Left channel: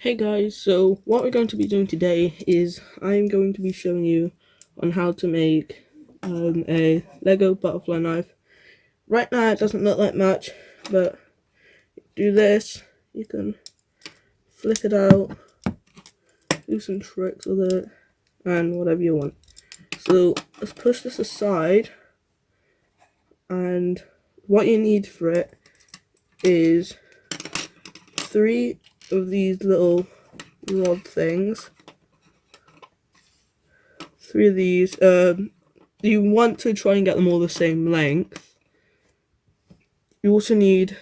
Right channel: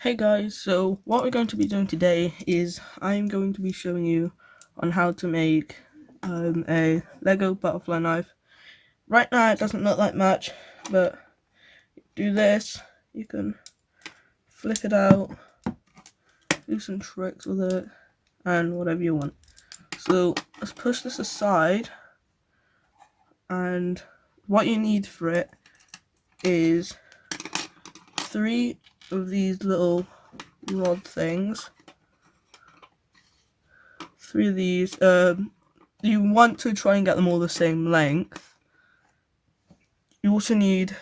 Hey guys, so what we're going to be doing today is I'm going to be showing you on how to make a Lego butterfly knife. Right now it doesn't look like much, but do this, you can flip it out, do some tricks with it, and whatever you want. So let's push this aside, and what you need for it is 3 of these little rod things. 3 of these. You want to try and get them all the same length. You also need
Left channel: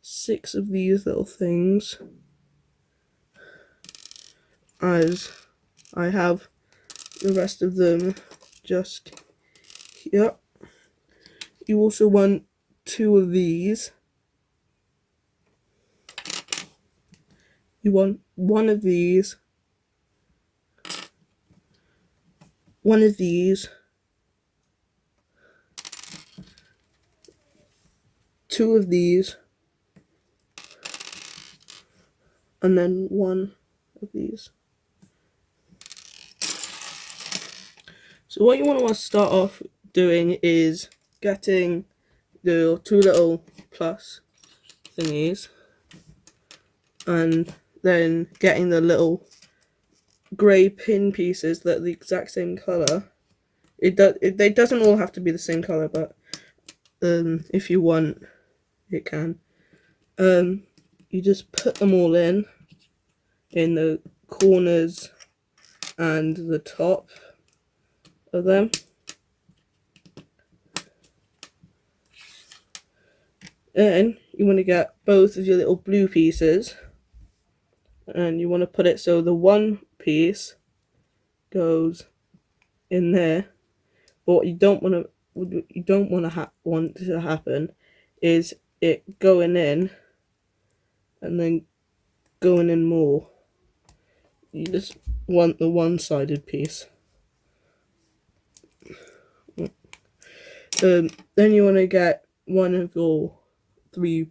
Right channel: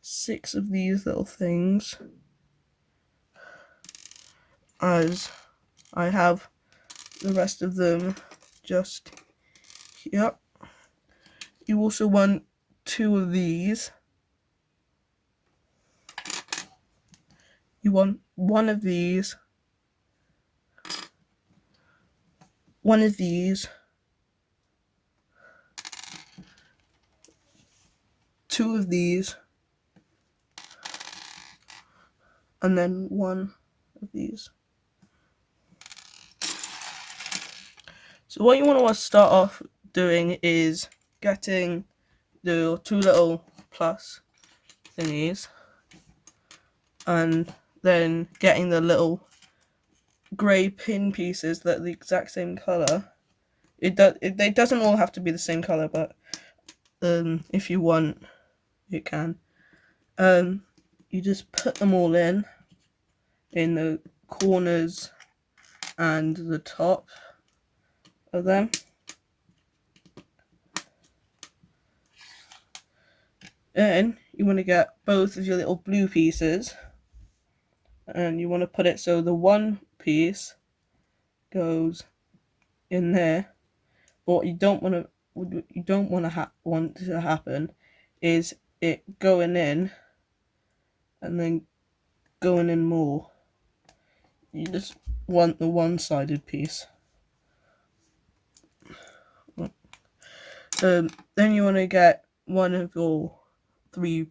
6 of these little things, as I have the rest of them just here. You also want 2 of these. You want 1 of these, 1 of these, 2 of these, and then 1 of these. So what you want to start off doing is getting the 2 little plus thingies, and then getting the little grey pin pieces that are the exact same colour. It doesn't all have to be the same colour, but if you want, it can. You just put them all in the corners and the top of them. Then you want to get both of your little blue pieces, and you want to put it so the one piece goes in there. But what you don't want to happen is it going in and then going in more. You just want the one-sided piece. Then you want to get one of your 3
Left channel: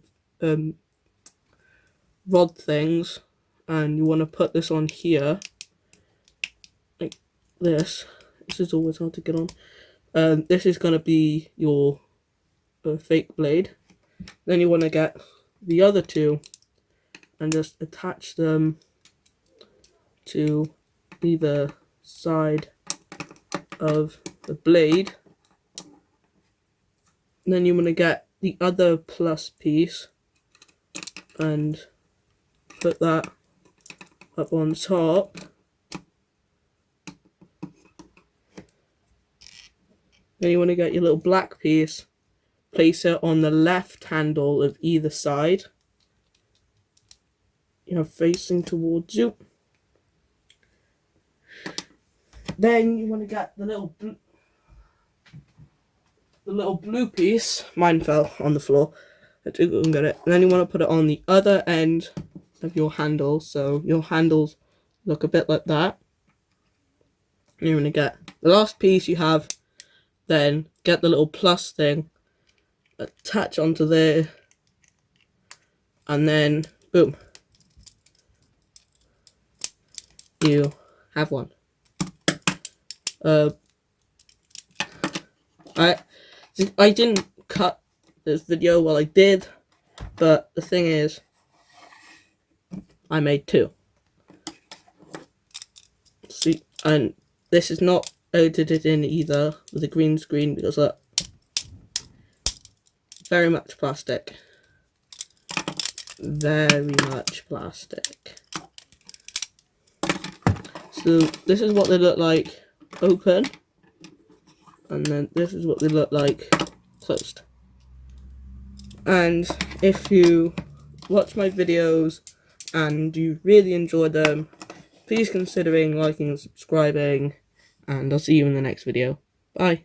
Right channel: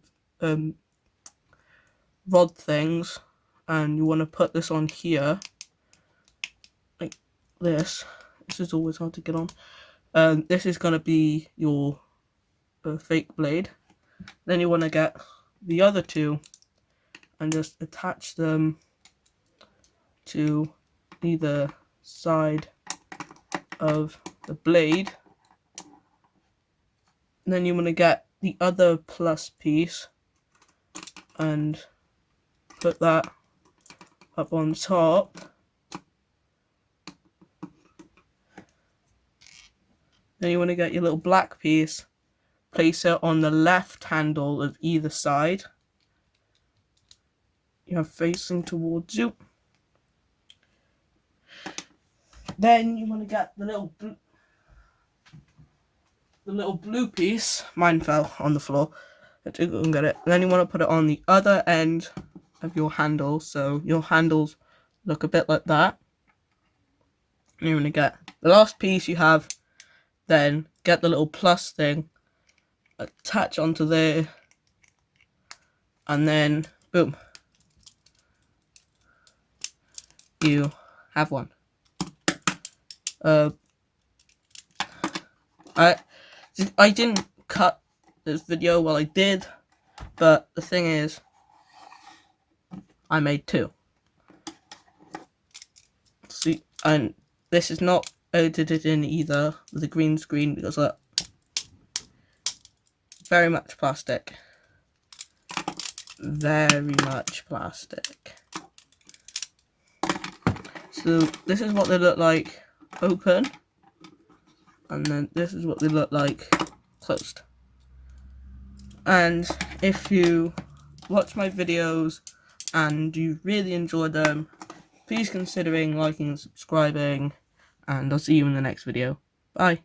rod things, and you want to put this on here like this. This is always hard to get on. This is going to be your fake blade. Then you want to get the other 2 and just attach them to either side of the blade. And then you want to get the other plus piece and put that up on top. Then you want to get your little black piece, place it on the left handle of either side. You have facing towards you. Then you want to get the little blue piece. Mine fell on the floor. I had to go and get it. And then you want to put it on the other end of your handle, so your handles look a bit like that. And you want to get the last piece you have. Then get the little plus thing, attach onto there, and then boom, you have one. I didn't cut this video, well I did, but the thing is, I made 2. See, and this is not edited in either with a green screen, because look, very much plastic. Very much plastic. So this is what they look like open, and then this is what they look like closed. And if you watch my videos and you really enjoy them, please consider liking and subscribing, and I'll see you in the next video. Bye.